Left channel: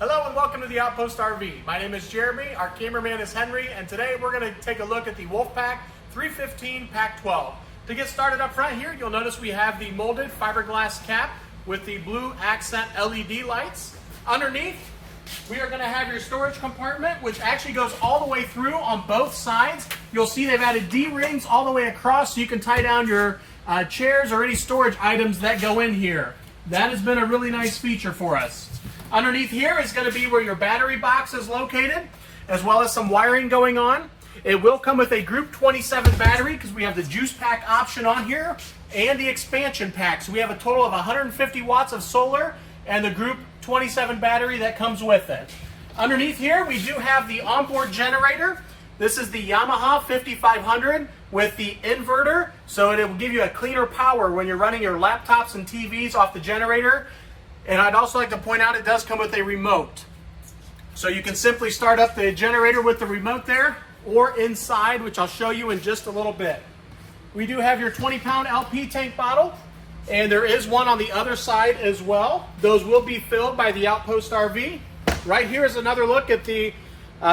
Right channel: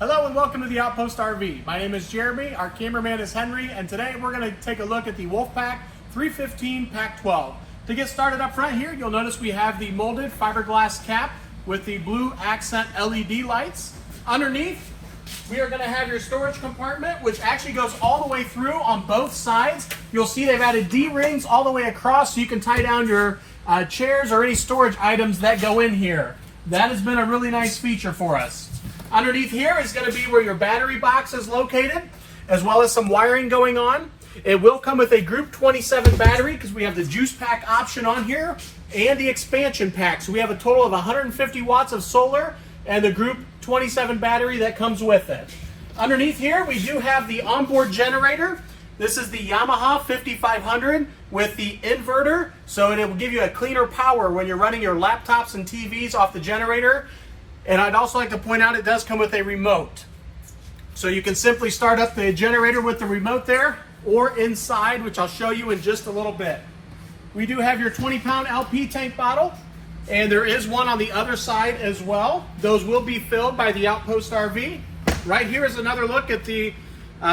Hello and welcome to the Outpost RV. My name is Jeremy, our cameraman is Henry, and today we're going to take a look at the Wolfpack 315Pack12. To get started up front here, you'll notice we have the molded fiberglass cap with the blue accent LED lights. Underneath, we are going to have your storage compartment, which actually goes all the way through on both sides. You'll see they've added D-rings all the way across so you can tie down your chairs or any storage items that go in here. That has been a really nice feature for us. Underneath here is going to be where your battery box is located, as well as some wiring going on. It will come with a Group 27 battery because we have the juice pack option on here and the expansion pack. So we have a total of 150 watts of solar and the Group 27 battery that comes with it. Underneath here we do have the onboard generator. This is the Yamaha 5500 with the inverter, so it will give you a cleaner power when you're running your laptops and TVs off the generator. And I'd also like to point out it does come with a remote. So you can simply start up the generator with the remote there or inside, which I'll show you in just a little bit. We do have your 20-pound LP tank bottle, and there is one on the other side as well. Those will be filled by the Outpost RV. Right here is another look at the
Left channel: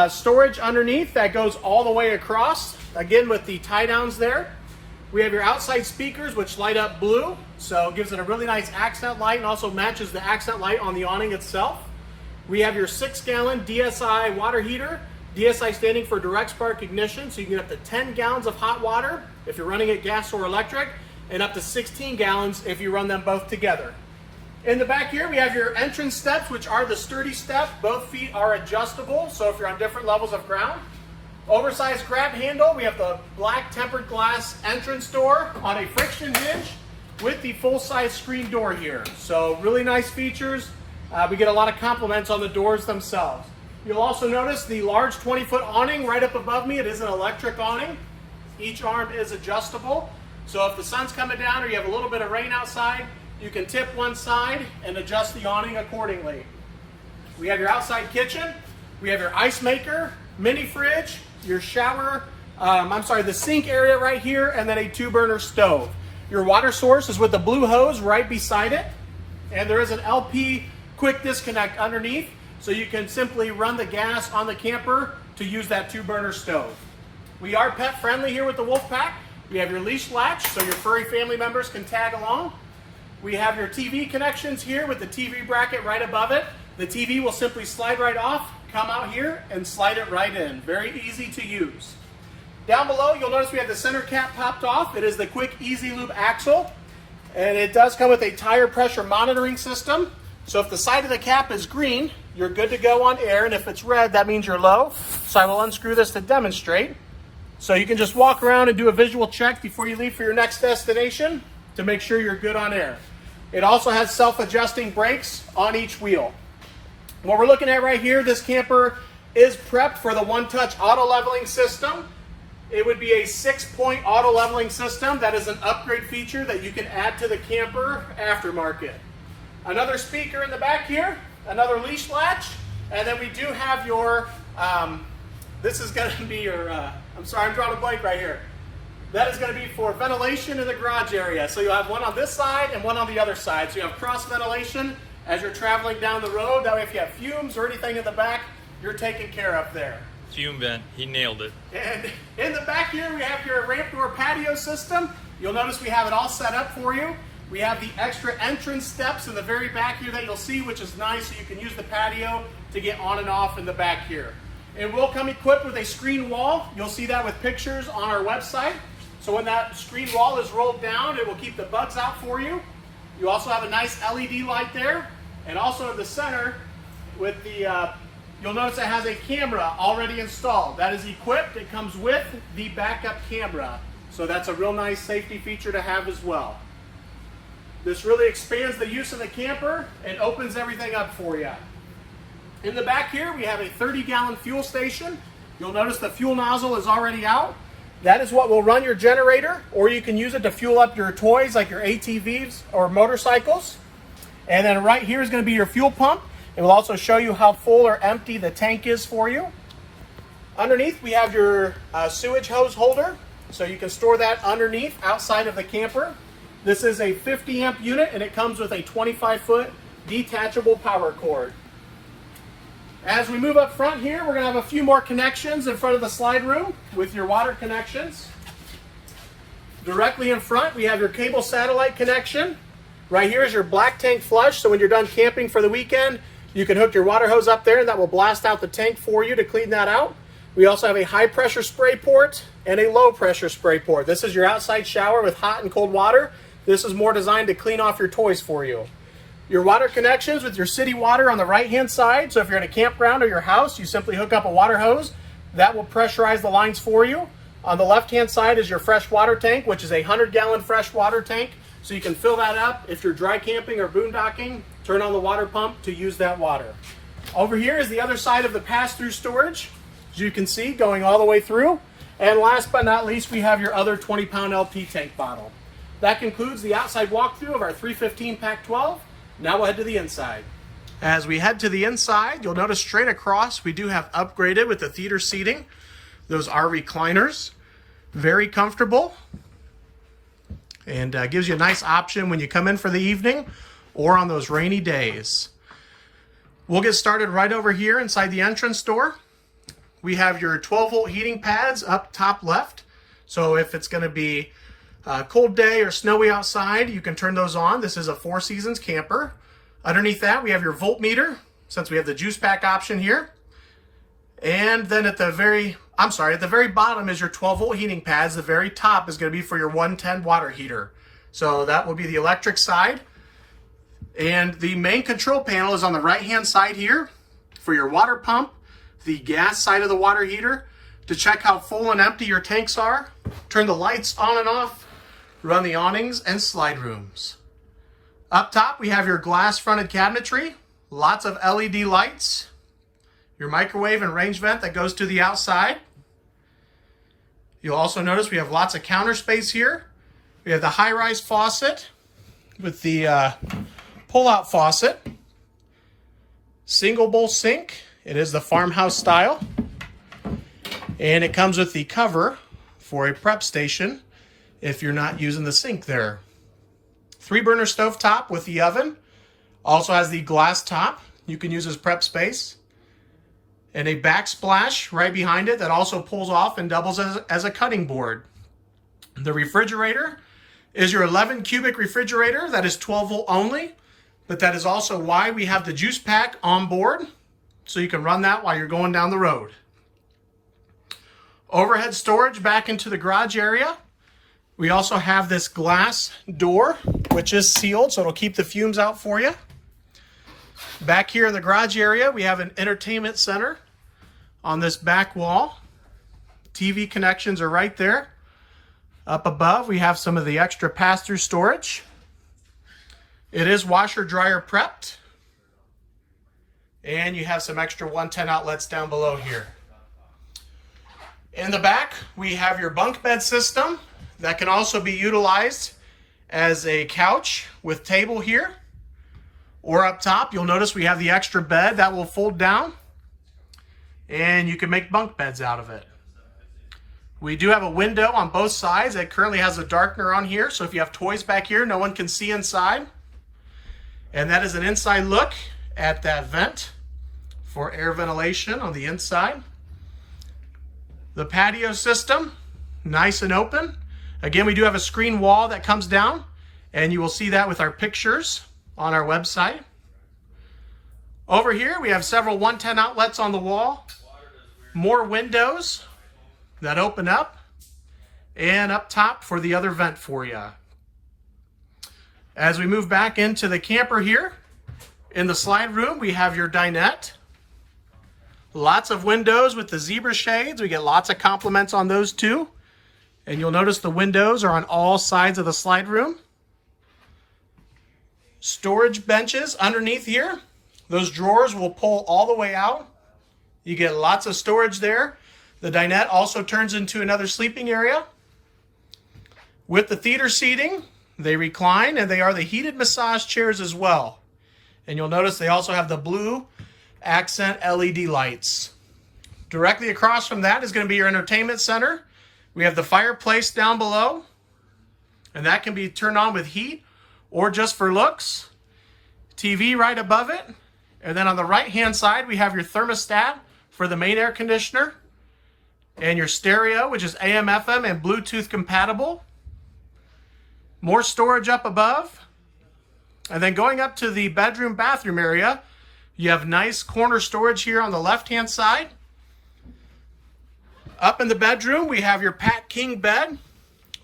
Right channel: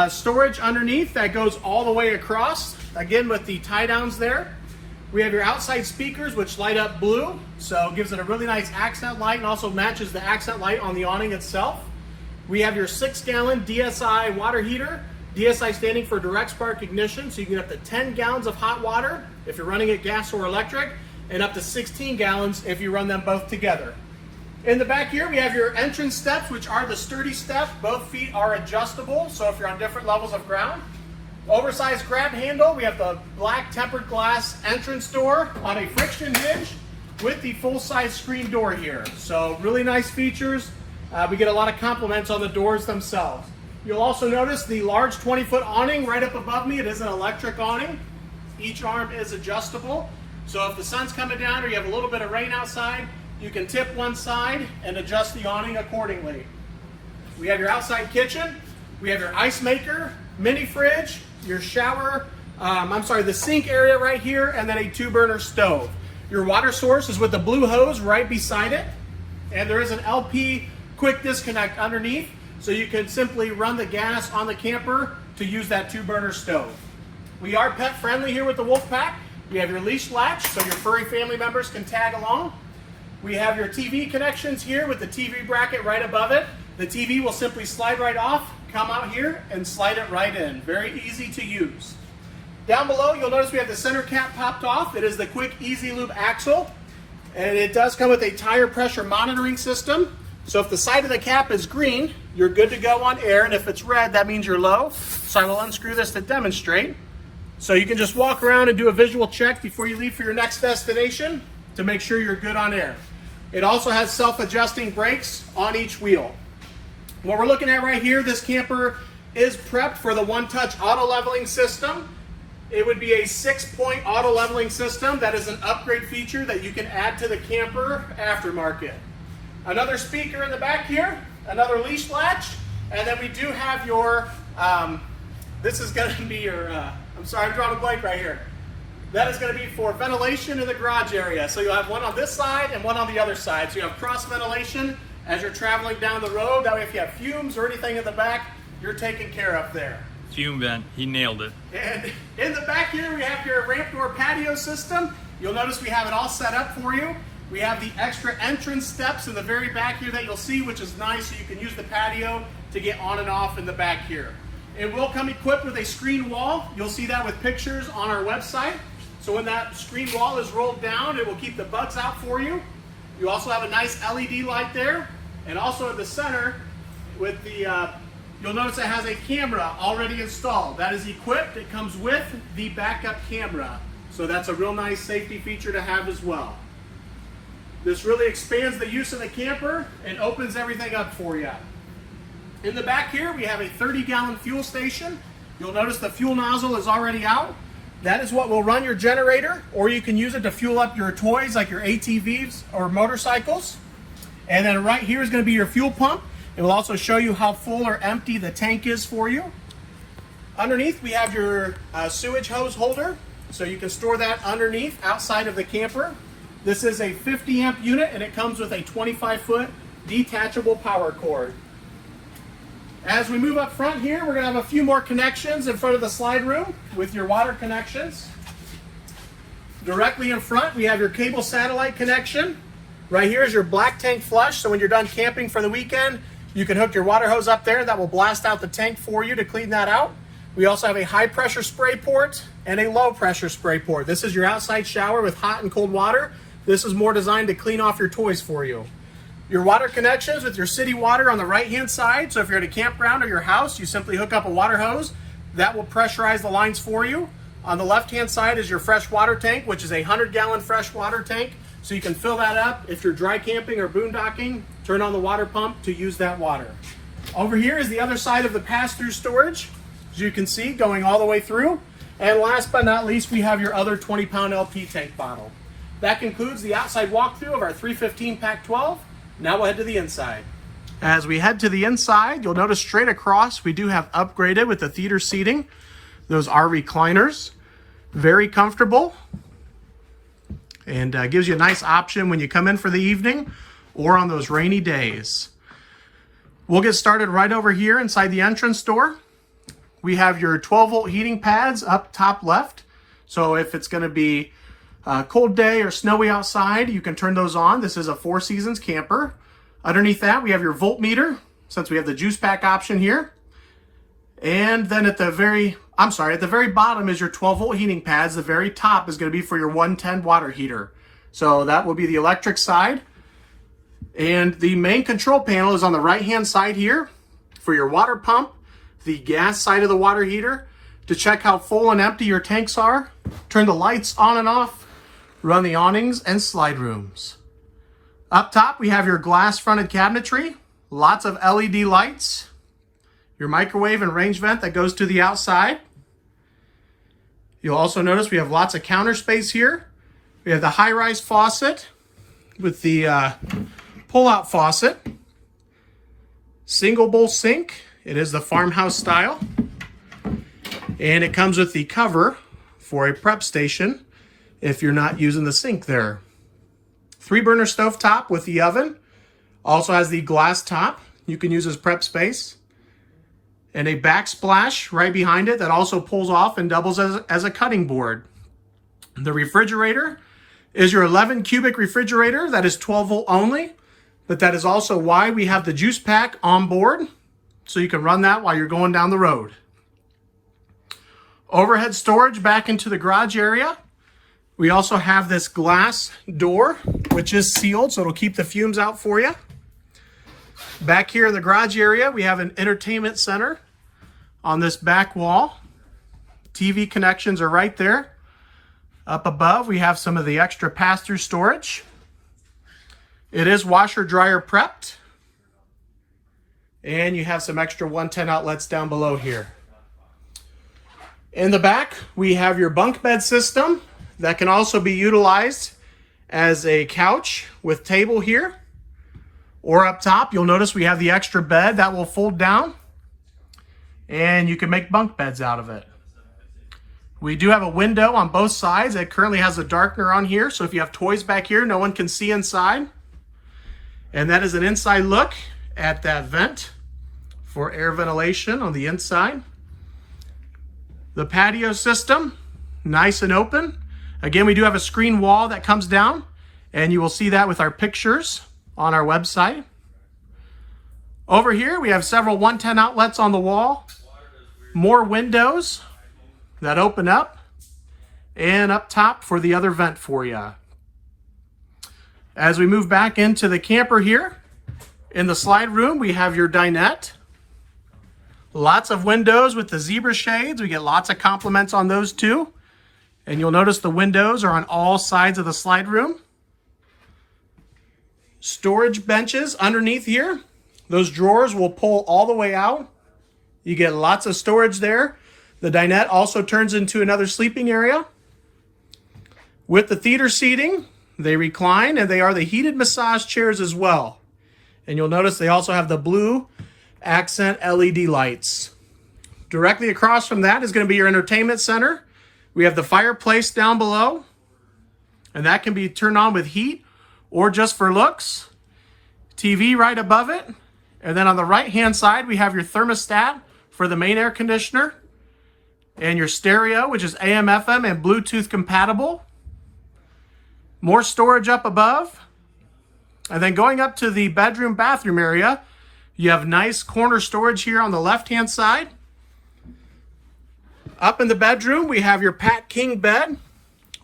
storage underneath that goes all the way across, again with the tie downs there. We have your outside speakers which light up blue, so it gives it a really nice accent light and also matches the accent light on the awning itself. We have your 6-gallon DSI water heater, DSI standing for direct spark ignition, so you can get up to 10 gallons of hot water if you're running it gas or electric, and up to 16 gallons if you run them both together. In the back here we have your entrance steps, which are the sturdy steps. Both feet are adjustable, so if you're on different levels of ground. Oversized grab handle. We have the black tempered glass entrance door on a friction hinge with the full-size screen door here. So really nice features. We get a lot of compliments on the doors themselves. You'll also notice the large 20-foot awning right up above me. It is an electric awning. Each arm is adjustable. So if the sun's coming down or you have a little bit of rain outside, you can tip one side and adjust the awning accordingly. We have your outside kitchen. We have your ice maker, mini fridge, your shower, the sink area right here, and then a 2-burner stove. Your water source is with the blue hose right beside it, and there is an LP quick disconnect underneath, so you can simply run the gas on the camper to use that 2-burner stove. We are pet friendly here with the Wolfpack. We have your leash latch, so your furry family members can tag along. We have your TV connections here with the TV bracket right above it. The TV will simply slide right off, come out here, and slide it right in. Very easy to use. Down below, you'll notice we have the center cap popped off. It is the quick easy lube axle, and it does come with a tire pressure monitoring system. So if the side of the cap is green, you're good to go on air, and if it's red, that means you're low. So I will unscrew this to demonstrate. So you can just walk around and do a visual check before you leave for your next destination to make sure you're good on air. It also has self-adjusting brakes on each wheel. What we're looking at right here, this camper is prepped for the one-touch auto leveling system. It would be a 6-point auto leveling system. That is an upgrade feature that you can add to the camper aftermarket. Another speaker in the back here, another leash latch, and then we do have your, this is going to be your, I'm sorry, I'm drawing a blank right here. That is going to be for ventilation in the garage area. So you'll have one on this side and one on the other side. So you have cross ventilation as you're traveling down the road. That way if you have fumes or anything in the back, you're taken care of there. Fume vent, he nailed it. And in the back here we have your ramp door patio system. You'll notice we have it all set up for you. We have the extra entrance steps in the very back here that you'll see, which is nice, so you can use the patio to get on and off in the back here. It will come equipped with a screen wall. You'll see that with pictures on our website. So when that screen wall is rolled down, it will keep the bugs out for you. You also have a nice LED light there. And also in the center, with the, you'll notice it has a camera already installed. That is equipped. It comes with the backup camera. So that's a real nice safety feature to have as well. This really expands the use of the camper and opens everything up for you. In the back here, we have a 30-gallon fuel station. You'll notice the fuel nozzle is already out. That is what will run your generator, or you can use it to fuel up your toys like your ATVs or motorcycles. And then right here is going to be your fuel pump. It will also show you how full or empty the tank is for you. Underneath we have your sewage hose holder, so you can store that underneath outside of the camper. This is a 50 amp unit and it comes with a 25-foot detachable power cord. As we move up front here, we're going to have a few more connections in front of the slide room with your water connections. Directly in front, we have your cable satellite connection. Right here is your black tank flush, so when you're done camping for the weekend, you can hook your water hose up there. That will blast out the tank for you to clean that out. We also have a high pressure spray port and a low pressure spray port. This is your outside shower with hot and cold water. This is more designed to clean off your toys for you. Your water connections with your city water on the right hand side. So if you're at a campground or your house, you simply hook up a water hose. That will pressurize the lines for you. On the left hand side is your fresh water tank, which is a 100-gallon fresh water tank. So you can fill that up. If you're dry camping or boondocking, turn on the water pump to use that water. Over here is the other side of the pass-through storage, as you can see, going all the way through. And last but not least, we have your other 20-pound LP tank bottle. That concludes the outside walkthrough of our 315Pack12. Now we'll head to the inside. As we head to the inside, you'll notice straight across we do have upgraded with the theater seating. Those are recliners. Very comfortable. And gives you a nice option when you come in for the evening or on those rainy days. We'll get started right over here inside the entrance door. We have your 12-volt heating pads up top left. So if it's going to be a cold day or snowy outside, you can turn those on. This is a Four Seasons camper. Underneath that, we have your voltmeter, since we have the juice pack option here. And then at the very bottom is your 12-volt heating pads. The very top is going to be for your 110 water heater. So that will be the electric side. And the main control panel is on the right-hand side here for your water pump, the gas side of the water heater, to check how full and empty your tanks are, turn the lights on and off, run the awnings and slide rooms. Up top, we have your glass fronted cabinetry, lots of LED lights, your microwave and range vent that goes to the outside. You'll also notice we have lots of counter space here. We have the high-rise faucet with the pull-out faucet, single bowl sink. It is the farmhouse style. And it comes with the cover for a prep station if you're not using the sink there. 3-burner stove top with the oven. Also has the glass top you can use as prep space. And a backsplash right behind it that also pulls off and doubles as a cutting board. The refrigerator is your 11 cubic refrigerator that is 12 volt only, but that is also why we have the juice pack on board, so you can run that while you're going down the road. Overhead storage back into the garage area. We also have this glass door, which is sealed, so it'll keep the fumes out for you. Back here in the garage area, we have an entertainment center on this back wall. TV connections are right there. Up above, we have some of the extra pass-through storage. It is washer dryer prepped. And you have some extra 110 outlets down below here. In the back, we have your bunk bed system that can also be utilized as a couch with table here. Or up top, you'll notice we have the extra bed that will fold down, and you can make bunk beds out of it. We do have a window on both sides. It currently has a darkener on here, so if you have toys back here, no one can see inside. And that is an inside look at that vent for air ventilation on the inside. The patio system, nice and open. Again, we do have a screen wall that comes down, and you will see that with our pictures on our website. Over here, we have several 110 outlets on the wall, more windows that open up, and up top for the other vent for you. As we move back into the camper here, in the slide room, we have your dinette. Lots of windows with the zebra shades. We get lots of compliments on those too. And you'll notice the windows are on all sides of the slide room. Storage benches underneath here. Those drawers will pull all the way out. You get lots of storage there. The dinette also turns into another sleeping area. With the theater seating, they recline, and they are the heated massage chairs as well. And you'll notice they also have the blue accent LED lights. Directly across from that is going to be your entertainment center. We have the fireplace down below, and that can be turned on with heat or just for looks. TV right above it, And then on the right-hand side, we have your thermostat for the main air conditioner and your stereo, which is AM, FM, and Bluetooth compatible. More storage up above. And then going up to the bedroom bathroom area, you have nice corner storage here on the left-hand side. Up in the bedroom, we have your Pack King bed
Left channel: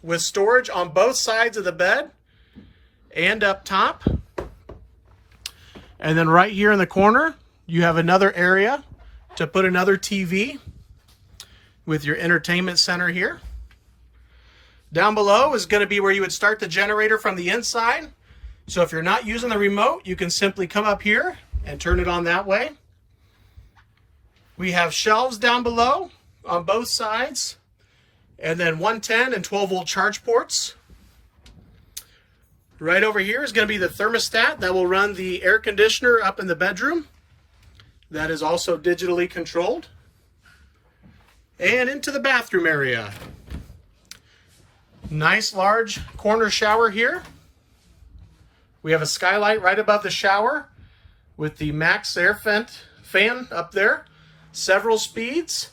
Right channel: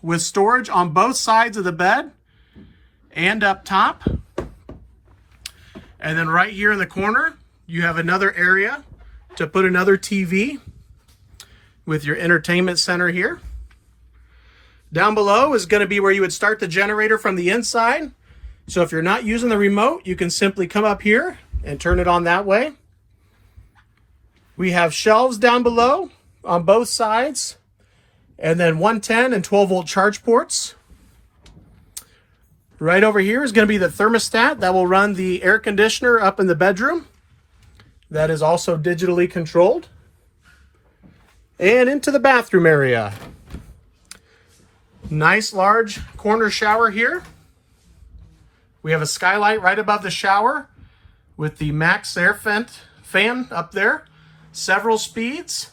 with storage on both sides of the bed and up top. And then right here in the corner, you have another area to put another TV with your entertainment center here. Down below is going to be where you would start the generator from the inside. So if you're not using the remote, you can simply come up here and turn it on that way. We have shelves down below on both sides, and then 110 and 12 volt charge ports. Right over here is going to be the thermostat that will run the air conditioner up in the bedroom. That is also digitally controlled. And into the bathroom area. Nice large corner shower here. We have a skylight right above the shower with the max air fan up there. Several speeds.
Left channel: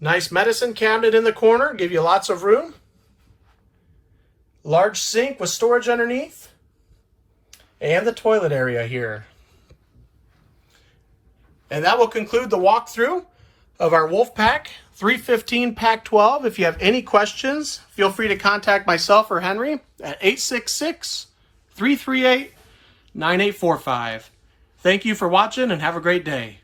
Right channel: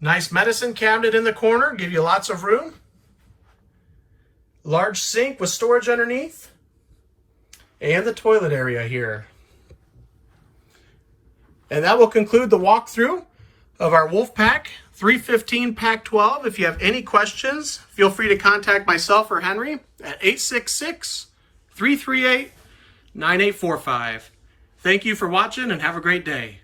Nice medicine cabinet in the corner, give you lots of room. Large sink with storage underneath. And the toilet area here. And that will conclude the walkthrough of our Wolfpack 315Pack12. If you have any questions, feel free to contact myself or Henry at 866-338-9845. Thank you for watching and have a great day.